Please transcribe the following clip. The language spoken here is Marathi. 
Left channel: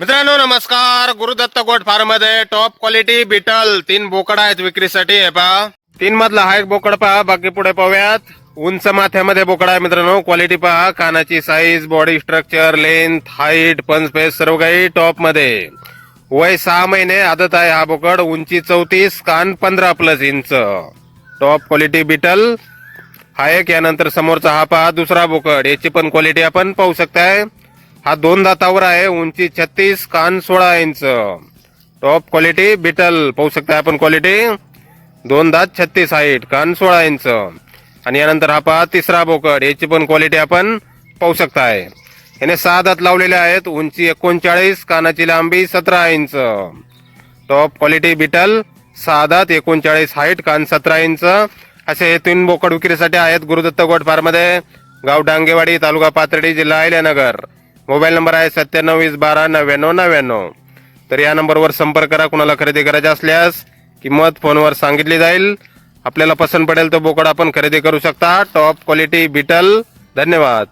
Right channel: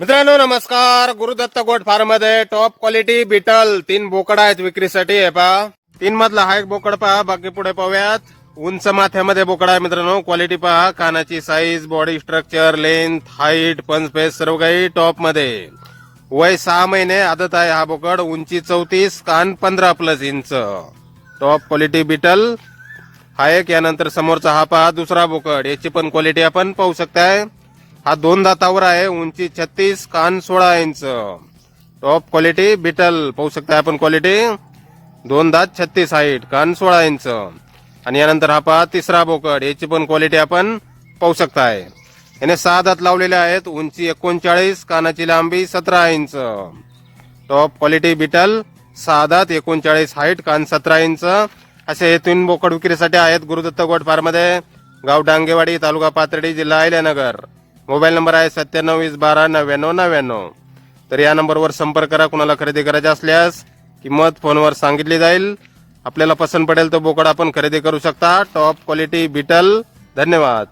मित्रांनो नमस्कार. गुरुदत्त गोट फार्म मध्ये टॉप क्वालिटी बीटल 3 बोकड आहेत विक्रीसाठी. हे पहा 3 मधला हा एक बोकड पहा. बाकी पुढे पाहूयात. उंच माथ्यामध्ये बोकड आहे मित्रांनो. क्वालिटी पहा, कानाची size, body structure, length, height, पंच पेस सर्व काही टॉप मध्ये. वय 6 महिने आदत आहे हा बोकड. उंची 34, कान 15+ इंच. टॉप क्वालिटी बीटल हा एक. यानंतर समोरचा हा पहा दुसरा बोकड. याची पण क्वालिटी आपण पाहू शकताय. हा 2 दातावर आहे. उंची 36, कान 16 इंच. टॉप क्वालिटी बीटल पाहू शकता आपण. क्वालिटी 2 दात, 36 हाईट, कान 16 इंच. आणि यानंतर हा पहा तिसरा बोकड. याची पण क्वालिटी आपण पाहू शकताय. याने 6 दात लावलेले आहेत. उंची 39, कानाची लांबी 17 इंच. टॉप क्वालिटी बीटल 6 दात, 39 हाईट, कान 17 इंच. असे हे 3 बोकड विक्रीसाठी आहेत गुरुदत्त गोट फार्म मध्ये. गाव डांगेवाडी, तालुका पाथर्डी, जिल्हा अहिल्यानगर. मोबाईल नंबर आहे 9720129999. तर या नंबरवर संपर्क करा. कुणाला खरेदी करायचे असल्यास किंमत फोनवर सांगितली जाईल. आपल्याला पसंत पडेल तो बोकड आपण खरेदी करू शकता. Top quality betel. धन्यवाद.